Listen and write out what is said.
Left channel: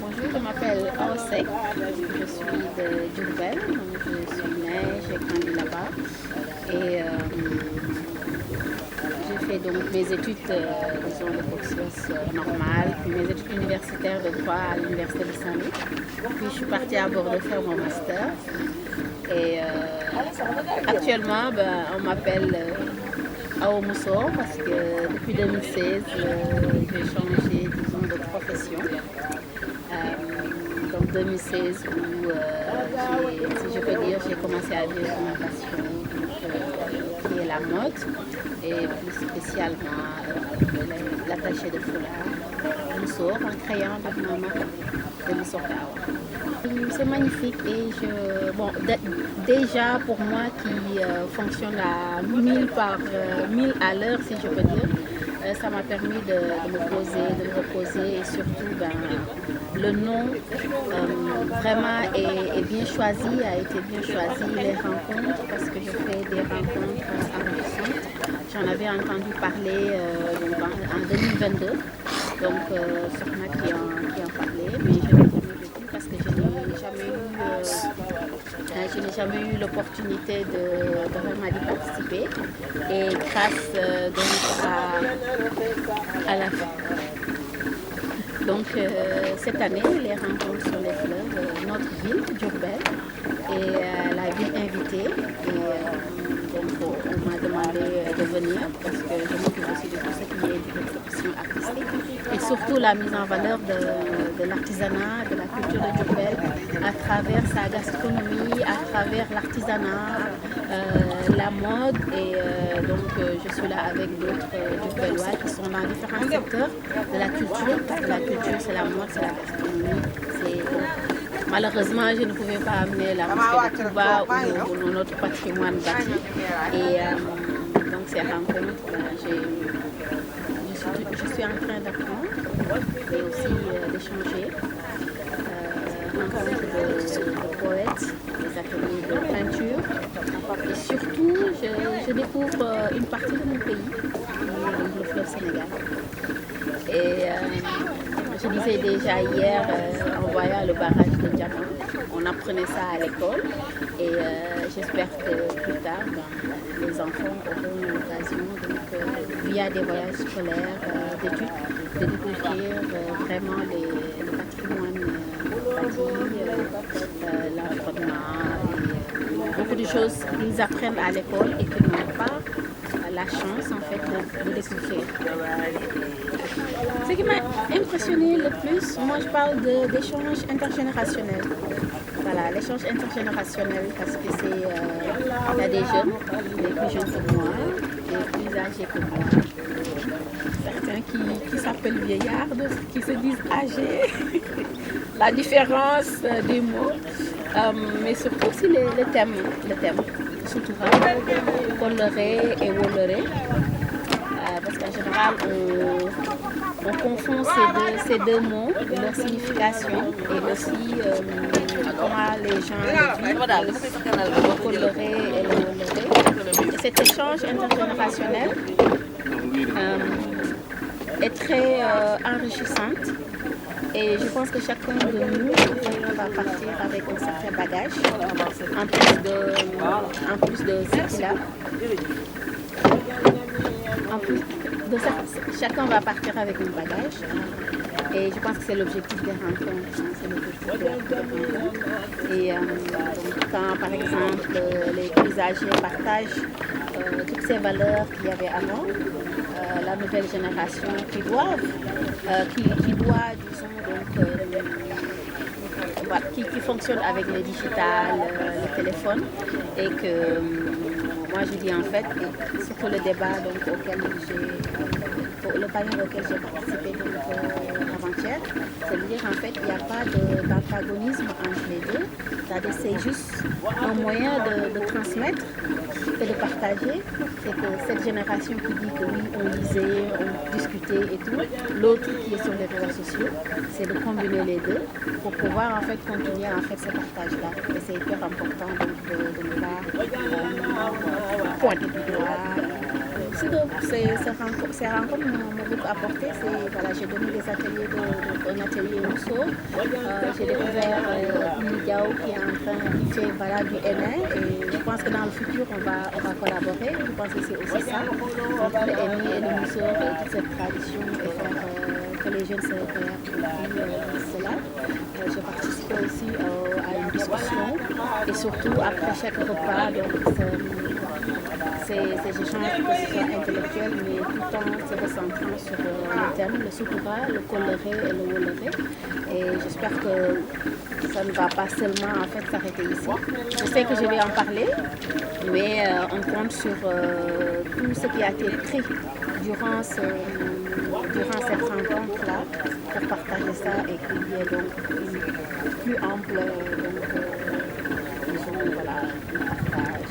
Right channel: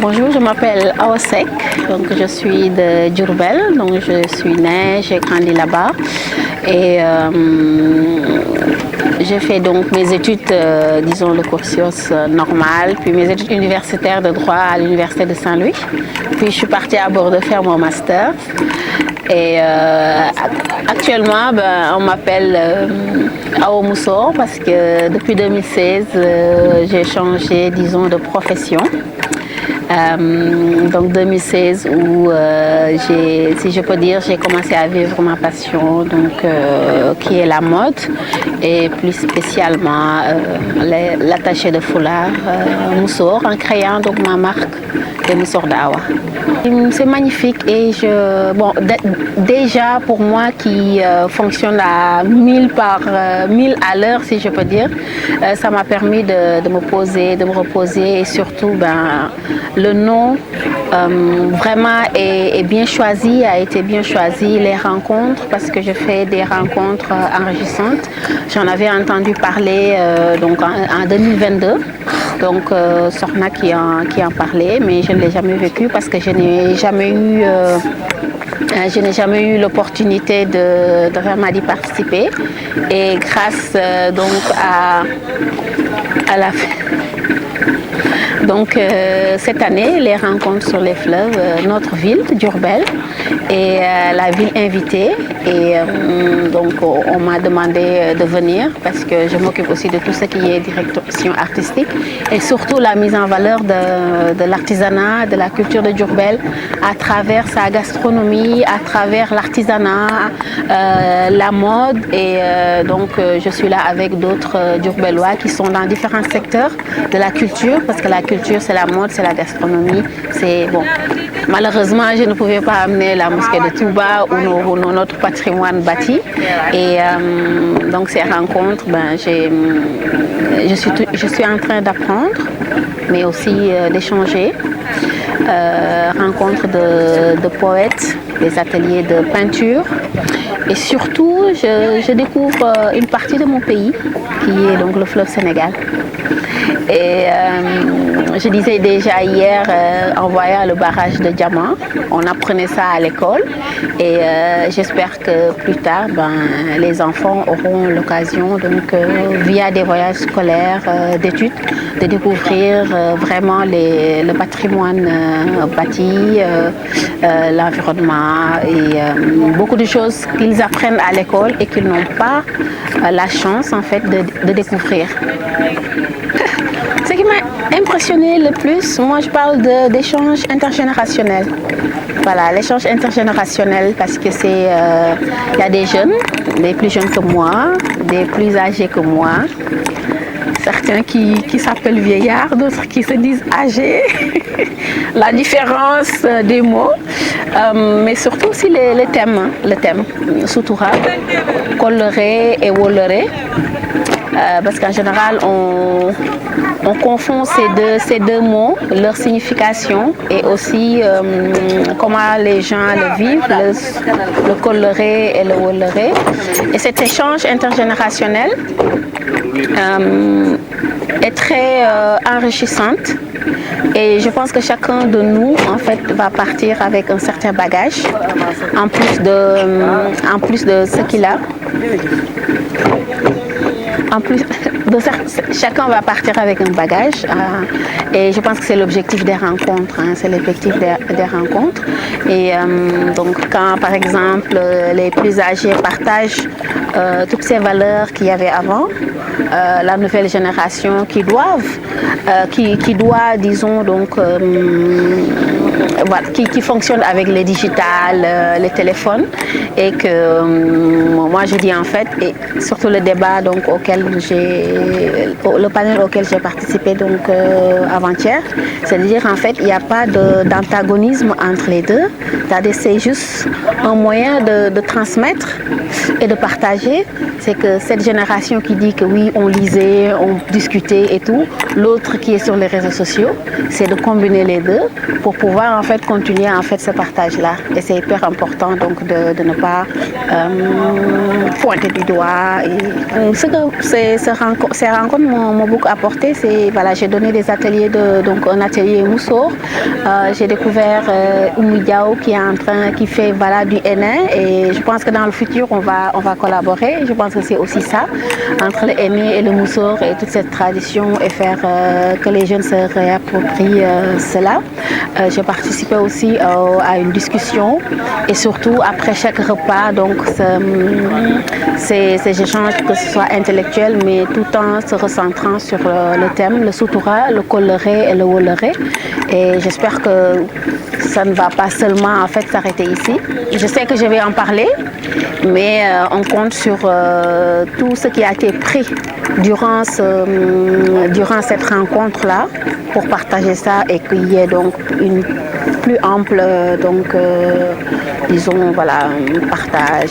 Bonjour, je m'appelle Aosek, donc je suis de Diourbel, donc je suis née, j'ai grandi là-bas et j'ai fait donc mes études, disons le cursus normal, puis mes études universitaires de droit à l'université de Saint-Louis, puis je suis partie à Bordeaux faire mon master et actuellement on m'appelle Awa Mousso parce que depuis 2016 j'ai changé disons de profession. Donc 2016 où si je peux dire, j'ai commencé à vivre ma passion, donc qui est la mode et plus spécialement l'attaché de foulard Moussour en créant donc ma marque de Moussour d'Awa. C'est magnifique et déjà pour moi qui fonctionne à 1000 par 1000 à l'heure si je peux dire, ça m'a permis de me poser, de me reposer et surtout le nom vraiment est bien choisi, a été bien choisi, les rencontres, parce que je fais des rencontres enrichissantes. J'en avais entendu parler donc en 2022, donc Sorna qui en parlait, mais je ne l'ai jamais vécu parce que je n'ai jamais eu l'opportunité de vraiment d'y participer et grâce donc à la donc cette année, les rencontres sur les fleuves, notre ville, Diourbel, est la ville invitée et donc on m'a demandé de venir parce que je m'occupe aussi de tout ce qui est direction artistique et surtout la mise en valeur de l'artisanat, de la culture de Diourbel à travers sa gastronomie, à travers l'artisanat, la mode et donc je suis là avec d'autres Diourbellois qui sont dans différents secteurs de la culture parce que la culture c'est la mode, c'est la gastronomie, c'est bon. Malheureusement, je ne pouvais pas amener la mosquée de Touba ou notre patrimoine bâti et donc ces rencontres, je suis en train d'apprendre, mais aussi d'échanger. Rencontres de poètes, des ateliers de peinture et surtout je découvre une partie de mon pays qui est donc le fleuve Sénégal. Et je disais déjà hier en voyant le barrage de Diamant, on apprenait ça à l'école et j'espère que plus tard les enfants auront l'occasion donc via des voyages scolaires, d'études, de découvrir vraiment le patrimoine bâti, l'environnement et beaucoup de choses qu'ils apprennent à l'école et qu'ils n'ont pas la chance en fait de découvrir. Ce qui m'a impressionné le plus, moi je parle d'échange intergénérationnel. Voilà, l'échange intergénérationnel parce que il y a des jeunes, des plus jeunes que moi, des plus âgés que moi. Certains qui s'appellent vieillards, d'autres qui se disent âgés. La différence des mots, mais surtout aussi le thème, Soutoura, Kolleré et Wolleré. Parce qu'en général, on confond ces deux mots, leur signification et aussi comment les gens le vivent, le Kolleré et le Wolleré. Et cet échange intergénérationnel est très enrichissante et je pense que chacun de nous en fait va partir avec un certain bagage en plus de ce qu'il a. En plus, chacun va partir avec un bagage et je pense que c'est l'objectif des rencontres, c'est l'objectif des rencontres. Et donc quand par exemple les plus âgés partagent toutes ces valeurs qu'il y avait avant, la nouvelle génération qui doit, disons donc, qui fonctionne avec les digitales, les téléphones et que moi je dis en fait, et surtout le débat donc le panel auquel j'ai participé donc avant-hier, c'est-à-dire en fait il n'y a pas d'antagonisme entre les deux, c'est juste un moyen de transmettre et de partager. partager, c'est que cette génération qui dit que oui, on lisait, on discutait et tout, l'autre qui est sur les réseaux sociaux, c'est de combiner les deux pour pouvoir en fait continuer en fait ce partage-là. Et c'est hyper important donc de ne pas pointer du doigt. Et, ce que ces rencontres m'ont beaucoup apporté, c'est voilà, j'ai donné des ateliers donc un atelier Moussour. J'ai découvert Oumou Diao qui fait voilà, du henné et je pense que dans le futur on va collaborer. Je pense que c'est aussi ça entre le henné et le Moussour et toute cette tradition et faire que les jeunes se réapproprient cela. J'ai participé aussi à une discussion et surtout après chaque repas, donc ces échanges, que ce soit intellectuels, mais tout en se recentrant sur le thème, le Soutoura, le Kolleré et le Wolleré. Et j'espère que ça ne va pas seulement en fait s'arrêter ici. Je sais que je vais en parler, mais on compte sur tout ce qui a été pris durant cette rencontre-là pour partager ça et qu'il y ait donc une plus ample, disons, voilà, partage.